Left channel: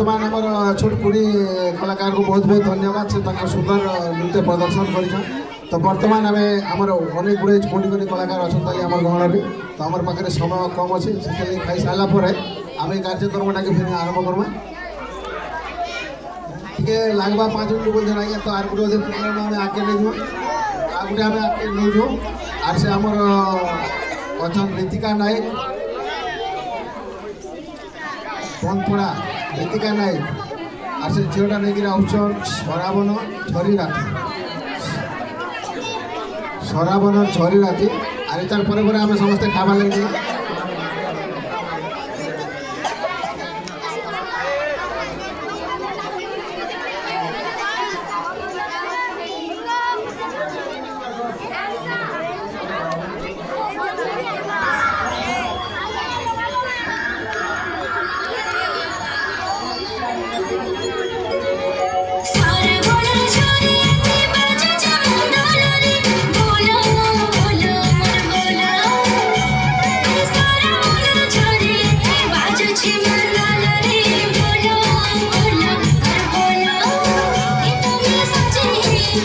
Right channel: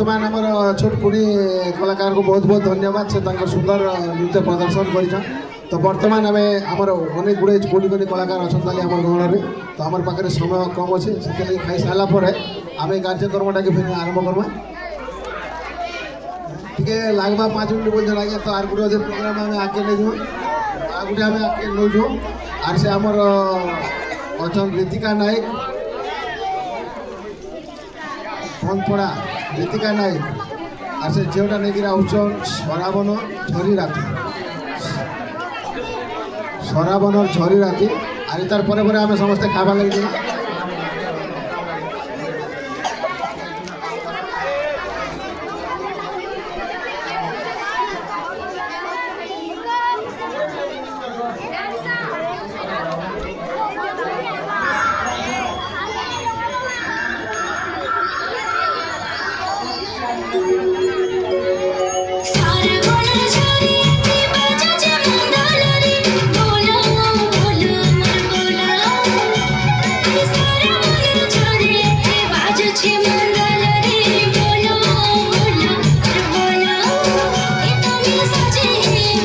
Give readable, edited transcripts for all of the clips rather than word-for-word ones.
वर्तमान आमर छोट कुड़ी कलाकार को बहुत बहुत धन्यवाद से सुंदर नृत्य प्रदर्शन कर তো বর্তমান আমি আমার অনেক গুড়ে কোটি কোটি কলাকার অনেক আমার গহণরে তো আমার পাখে সময় কম আছে সেটাকে খাই সারা পরে আমি কার্যক্রমটাকে ফিরে আরম্ভ করবো টিকে লাগবা 5 মিনিট বলতে আগে তো আর গোটে প্রোগ্রাম আমি আগে নেই আর গোটে আমি আগে নেইছু আর সে আমার অছন ঋতিকা নায়ক বনপড়া ঋতিকা নায়ক আর সে ঝিওটা নেইকি আউছন সরাবন ঝরি রাতি সরাবনর ঝরি রাতি আর তার পরে পরে আমি সমস্ত খাবার লাগি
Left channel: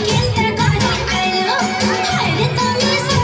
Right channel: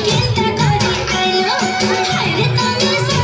Get the body, I love.